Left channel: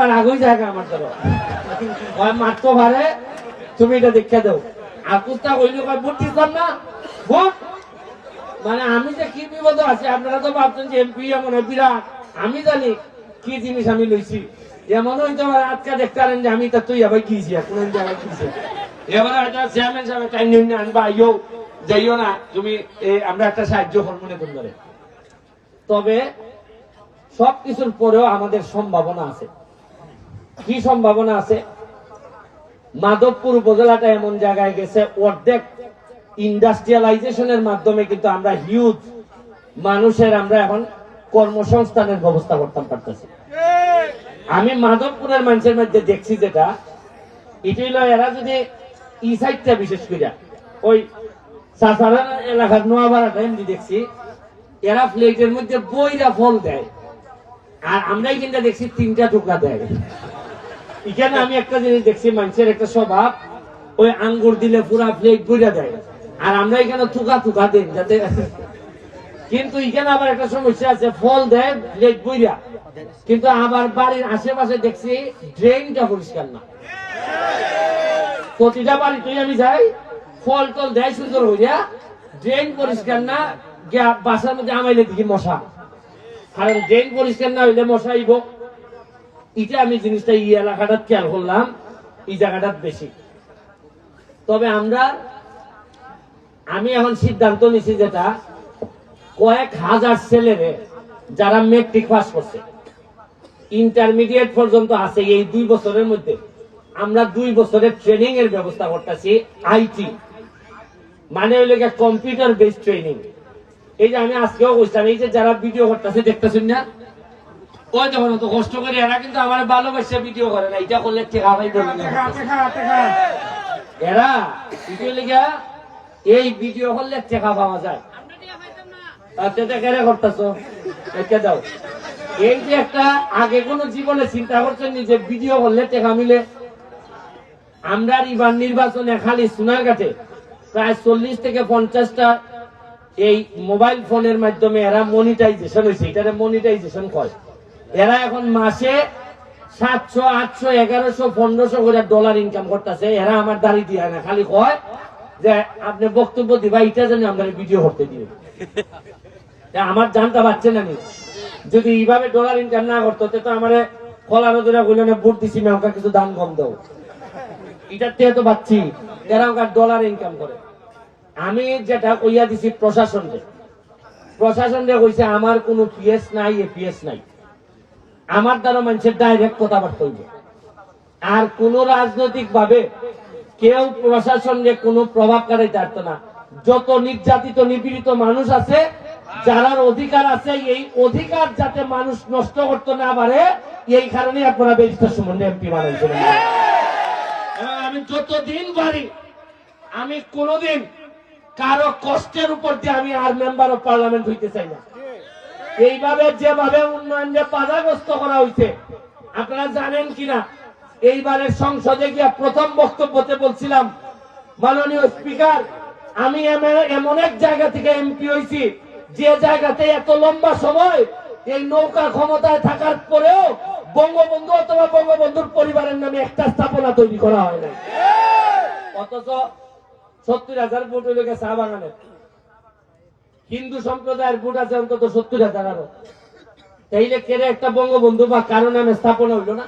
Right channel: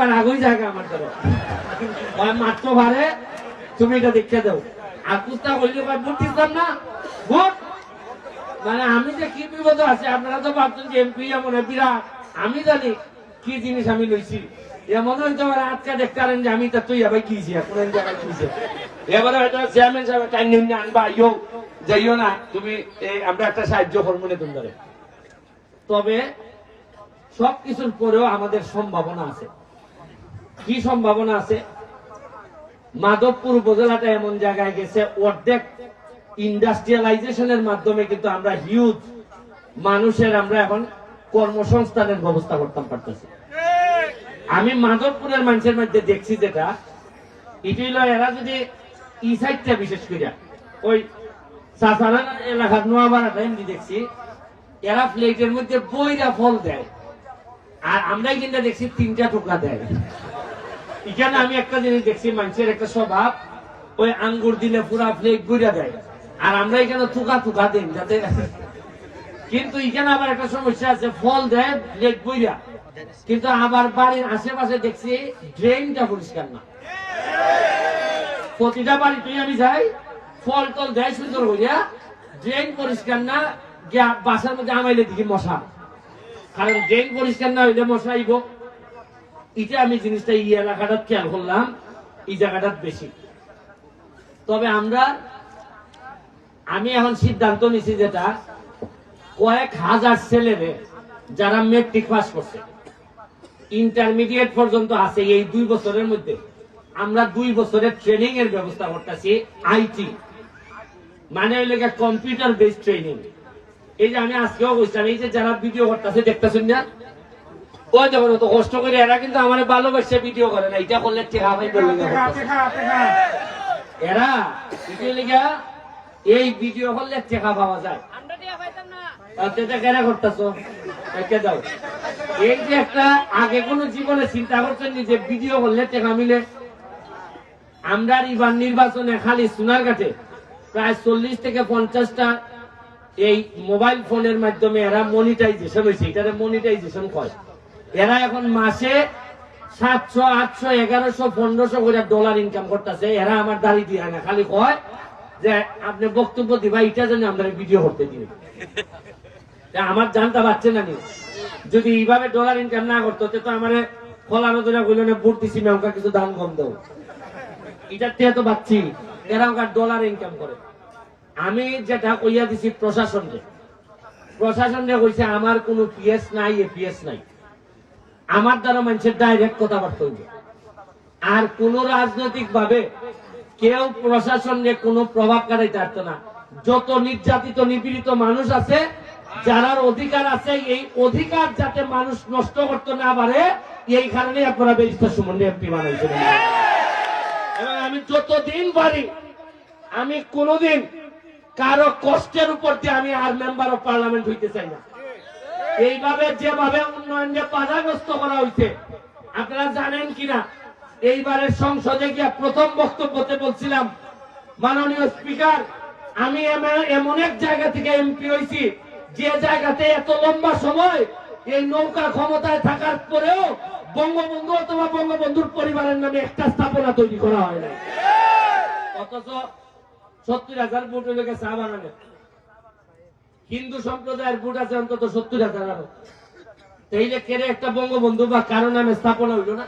আবার আগুই জায়গা আমার ধরো মাত্র ভারে তুমি এটা দেখে দাও আর কুত্তা কইলে ভোট দিতাম না ভোট মানে আমি যে কি বিপদ আছে আপনারা তো ভাবছেন যে এমপি এমন বিরাট আমি জানি কি জিনিস আমি লইছি এমন হইতে পারে আজকে দেখতে পারেন যে আমি তা তুই আবার গিয়েছি কোন জায়গা গিয়েছে এবারে একটা চেয়ারম্যান সাহেব টাইম নিয়ে আনবা আইও যাইও না তুমি আমরা একটা সাহায্য করবো না তোমাদের তবে সবকিছুর পরেও আমাদের সম্ভাবনা আছে কি সম্ভাবনা আছে মাধবপুর উপজেলাটা এমন জায়গায় গেছে অর্ধেক ইন্ডাস্ট্রিয়ালাইজেশনের মাধ্যমে কিন্তু আমরা হিউজ মানুষের আমরা এখন কর্মসংস্থানের ব্যবস্থা করতে পারতেছি আমি মাধবপুরের মানুষের মধ্যে দেখছি যেটা এটি হলো এরা যদি ই সাইডটা বিশেষ করে ওই সাসারা এলাকার নোয়াবাড়াটা এমনি দেখছি এরা প্লেটের মধ্যে বইরা ফল দেয় আর আমরাই কিন্তু দেখছি 3টা টুকরা দেয় এখানে আমি একটা জিনিস দেখছি মানুষের একটা স্বভাব ওই আঙ্গুর দিলে পুরা প্লেট বইরা দেয় আর আমরা এখানে থুকা দিন যাতে কিন্তু এখানে আবার একটা সমস্যা আছে ফল দেয় প্লেট বইরা কিন্তু আবার বাড়ির আশেপাশে দেখছি ড্রেনটা পরিষ্কার না প্রতিটা বাড়িতেই আমি যাই ফল টল দেয় সুন্দর হইয়া ড্রেন পরিষ্কার না বাসার মধ্যে আমাইলে দেখি মশা কারণ ড্রেন পরিষ্কার না হইলে মশা আইব এটা আমি জিনিসটা এই এলাকাটা খেয়াল করলাম এই জায়গাটা বেশি তবে আমি এখন সিদ্ধান্ত নিছি যেটা কয়েক হাজার ছেলেরে যারা মেট্রিক পাস করছে ইন্টারমিডিয়েট পর্যন্ত আছে এই 2 বছরের মধ্যে আমরা 2 বছরের ট্রেনিং এর ব্যবস্থা করতেছি আইটি মানে হইল কম্পিউটার বেসড ট্রেনিং এই যে আমি আজকেও বলছিলাম এই যে যারা ভিডিও করতেছে দেখতেছেন না ওই যখন অত কষ্ট করে এরা কিন্তু আমার ভালোবাসে ভিডিও করে না এটা করলে টেকা ভাই বলি না এরা এই ভিডিও করলে টেকা পাওয়া যায় দাও এই যে একটা আগে কোন জীবনে চিন্তা করছেন যে ভিডিও করলে টেকা মিলে আমরা এবার নির্বাচনে খালি সোনারঘাটে প্রায় 40 থেকে 50টা এই মোবাইল ফোনের মাধ্যমে এরা মনিটাইজেশন হয়েছে এটা মনিটাইজেশন করে এরা এখন মাসে 700, 800, 1100, 1500 করে ডলার ইনকাম করতেছে এরা আমার দাঁড়িয়ে দিয়ে না খালি কয় যে আপনি বক্তব্য দিবা এটা জানি আমরা ভিডিও করতে দিবে আমার জানতে পারছে না যদি এইভাবে ডলার ইনকাম না করতো তো আমার ফলানো ধরে বললো না ভোট দিচ্ছি না ওকে কিছু দান কম দাও এটার থেকে তো পাচ্ছি এরা ওকে ডলার ইনকাম করে আমি যেটা কইয়া দিছি প্রশাসনকে কইছে আমার কোনো পিএস নাই এপিএস নাই আমার দ্বারা মানুষের ডাইরেক্ট কথাবার্তা হইবে আর কোন রাজনৈতিক ভাবে কেউ প্রশাসনকে কোনো প্রভাব খাটাইতে পারতো না যত নির্যাতিত নিপীড়িত মানুষ আছে যারা অধিকার আছে এই অধিকার যাতে মানুষ নষ্ট করতে না পারে এই কারণে আপনারা ব্যারিস্টার সুমন এমপি বানাইছেন এবং আমি যতদিন পারি আমি কোনদিন কারো কষ্টের উপর দিয়ে আমি আর মেম্বার অফ পার্লামেন্ট হইতে চাই না এইভাবে যেভাবে উন্নয়নকে বাধাগ্রস্ত করা হয়েছে আপনারা জানেন কিনা এইবারের সংসদে গিয়া প্রথম বক্তব্যতে বলছিলাম মাননীয় স্পিকার আমি এমন এক জায়গা থেকে এমপি হয়েছি যে জায়গাতে এত লম্বা সময় এই নৌকা ক্ষমতায় থাকার পরেও বঙ্গবন্ধু অথবা বঙ্গবন্ধুর পরিবারের নামে একটা স্থাপনা তৈরি করা হয় নাই অথচ 70,000 ভোট হয়ে গেছে চা বাগানের হিন্দু সম্প্রদায়ের ভোট আছে অন্তত 70,000 আরো তাইলে কেড়ে একটা বঙ্গবন্ধু বা কারো নামে স্থাপনা হইল না